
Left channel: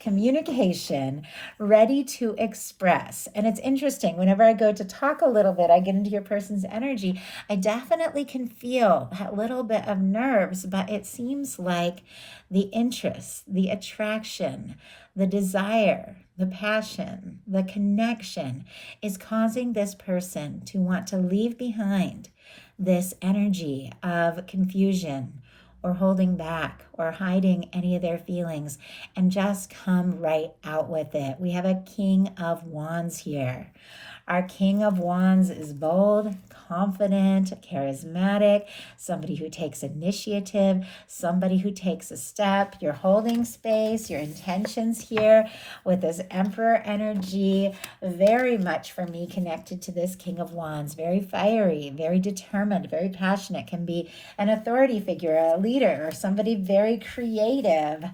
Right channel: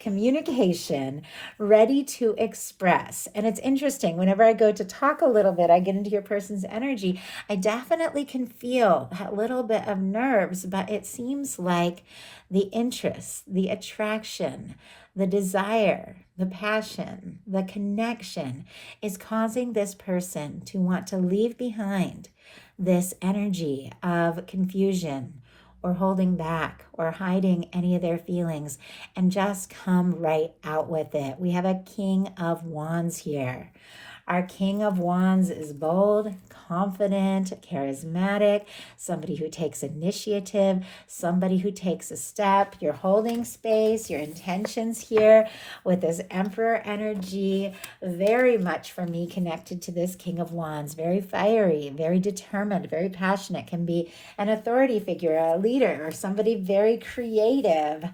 communication, ready to express. And it's interesting, whenever I go to talk a little bit, I get into your person's energy, I definitely can feel that little bit of nerves, but it seems like the interest, the attraction, the desire, the passion, the connection is causing this person to want to leave behind this energy of confusion or holding back or hiding any of their feelings and just come right out with it. We have a King of Wands here. Our King of Wands is bold, confident, charismatic, somebody who takes initiative, somebody who takes a step. You're holding space, your intentions here with this Emperor energy, very much for me connected to this King of Wands. Very fiery, very determined, very passionate, can be an authority figure, a leader, or somebody very creative.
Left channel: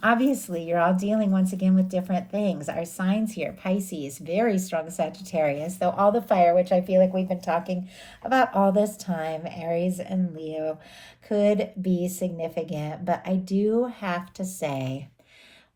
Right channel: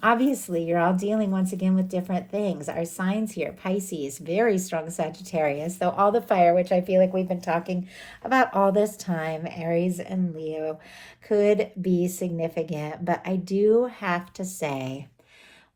Obviously, you're all dealing once again with different things. Our signs here, Pisces, very strong Sagittarius, so all the fire, which I feel like we've been talking about all this time, Aries and Leo, could be significant. But I do have to say,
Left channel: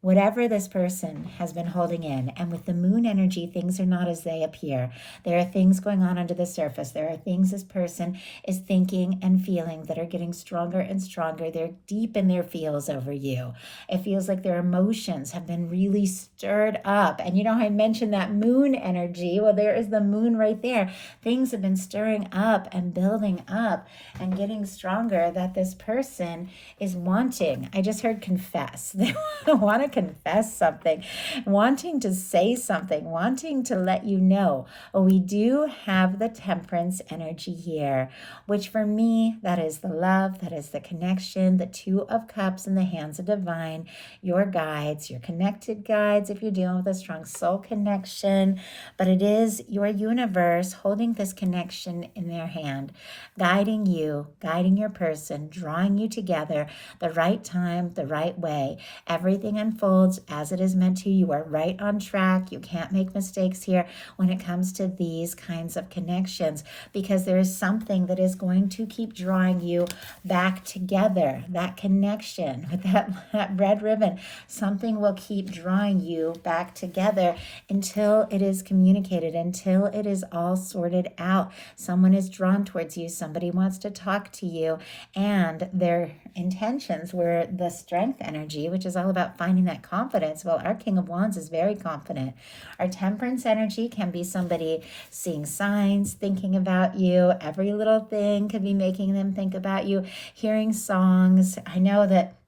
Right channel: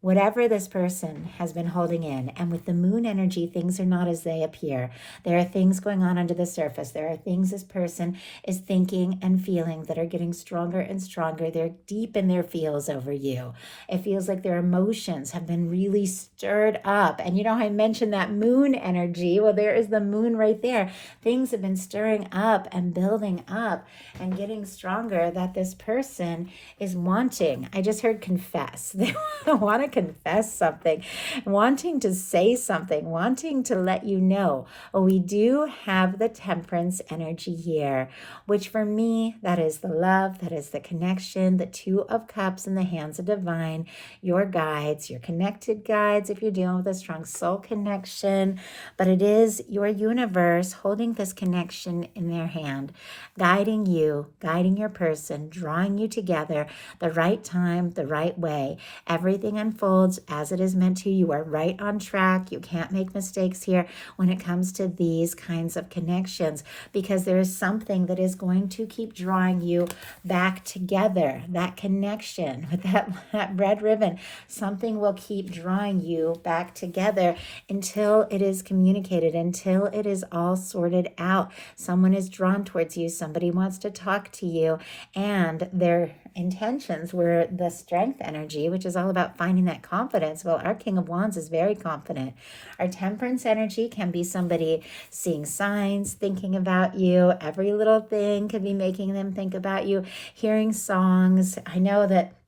whatever this person has been holding in, and with the moon energy, things are not as they appear. There are things going on under the surface. There are things this person is thinking and feeling that are getting stronger and stronger. They're deep in their feels over you. It feels like their emotions have been really stirred up. And you know, I mentioned that moon energy. Well, there is the moon right there. Things have been stirring up and building up and getting stronger that this person is wanting. I just heard confess. They want to confess something, wanting to say something, wanting to let you know. Well, we do have the Temperance energy here, which for me, that is the love, that is the connection, the Two of Cups in the hands of divine, your guides, your connected guides if you're dealing with a strong soul connection, but it is your universe holding this connection in their hand, guiding you, guiding your person, drawing you together, the right time, the right way. Everything unfolds as it is meant to. You are right on track. You can't make mistakes here when it comes to these kinds of connections, because there is something that is going to keep drawing you back together. That connection with that red ribbon, something will keep drawing you back together until it is communicated, until it is all sorted out. Someone is drawn towards you. Somebody wants to talk to you, and their intentions were the Strength energy, which is all about finding that confidence. Well, our King of Wands is very confident. Our Temperance energy can be somebody seeing signs, thinking about you. Every little thing could be making them think about you. Hearing songs. I know that,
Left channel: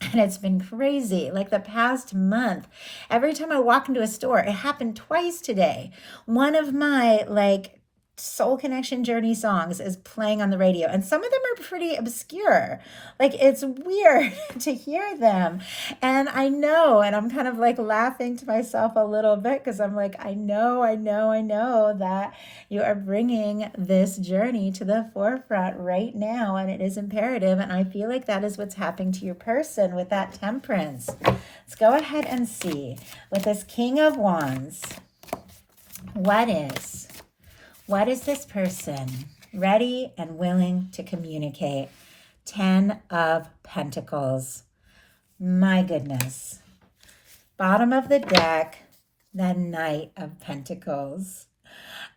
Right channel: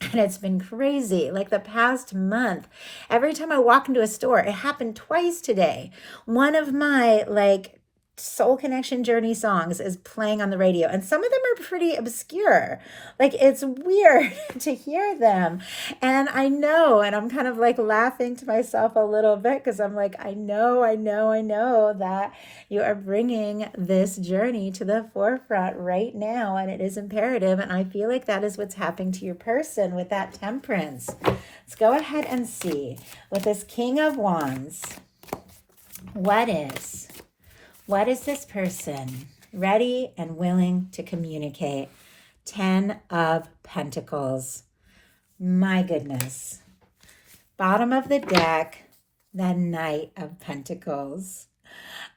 and it's been crazy. Like the past month, every time I walk into a store, it happened twice today. One of my soul connection journey songs is playing on the radio, and some of them are pretty obscure. Like, it's weird to hear them, and I know, and I'm kind of like laughing to myself a little bit, because I'm like, I know that you are bringing this journey to the forefront right now, and it is imperative. And I feel like that is what's happening to your person with that Temperance. Let's go ahead and see with this King of Wands, what is this person ready and willing to communicate? 10 of Pentacles. My goodness. Bottom of the deck, the Knight of Pentacles.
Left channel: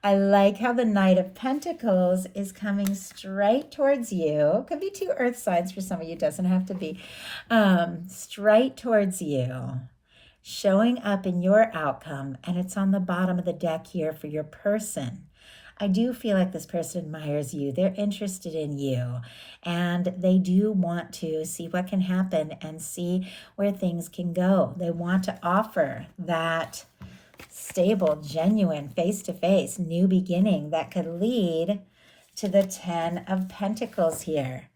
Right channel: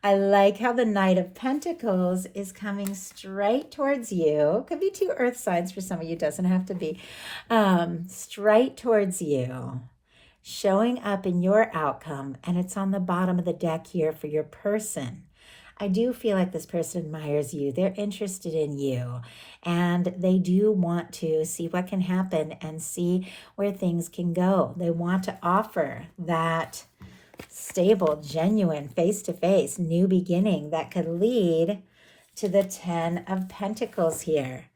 I like how the Knight of Pentacles is coming straight towards you. Could be two earth signs for some of you, doesn't have to be. Straight towards you, showing up in your outcome, and it's on the bottom of the deck here for your person. I do feel like this person admires you. They're interested in you, and they do want to see what can happen and see where things can go. They want to offer that stable, genuine, face-to-face new beginning that could lead to the 10 of Pentacles here.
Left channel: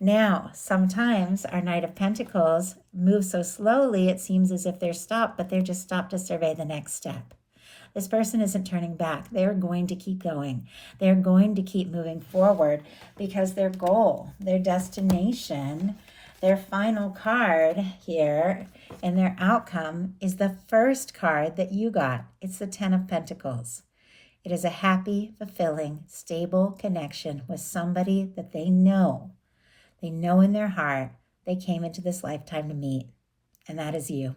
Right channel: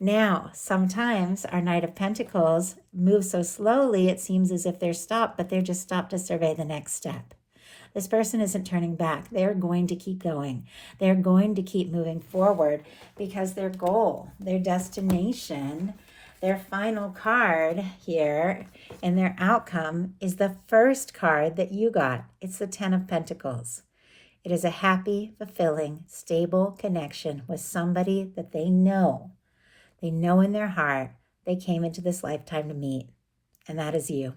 Now, sometimes our Knight of Pentacles moves so slowly, it seems as if they're stopped, but they're just stopped to survey the next step. This person isn't turning back. They're going to keep going. They're going to keep moving forward, because their goal, their destination, their final card here and their outcome is the first card that you got. It's the 10 of Pentacles. It is a happy, fulfilling, stable connection with somebody that they know. They know in their heart they came into this lifetime to meet, and that is you.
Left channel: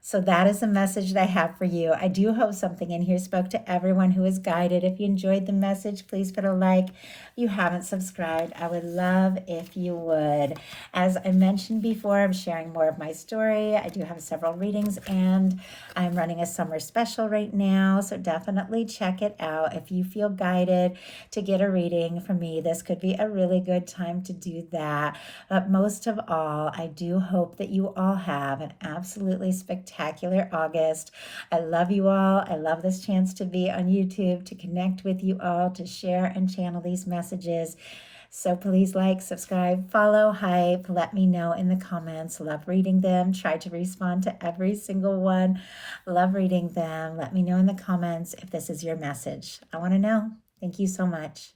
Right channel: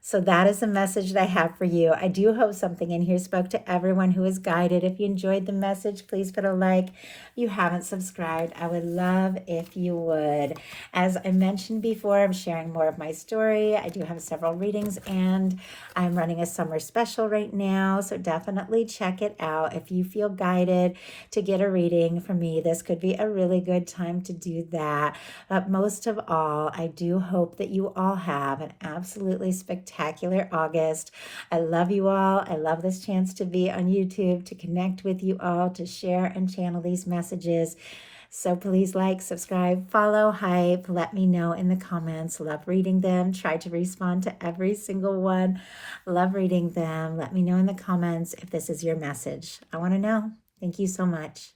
So that is the message that I have for you. I do hope something in here spoke to everyone who is guided. If you enjoyed the message, please put a like. If you haven't subscribed, I would love if you would. As I mentioned before, I'm sharing more of my story. I do have several readings and I'm running a summer special right now. So definitely check it out. If you feel guided to get a reading from me, this could be a really good time to do that. But most of all, I do hope that you all have an absolutely spectacular August. I love you all. I love this chance to be on YouTube, to connect with you all, to share and channel these messages. So please like, subscribe, follow, hype, let me know in the comments. Love reading them. Try to respond to every single one. Love reading them. Let me know in the comments if this is your message. I want to know. Thank you so much.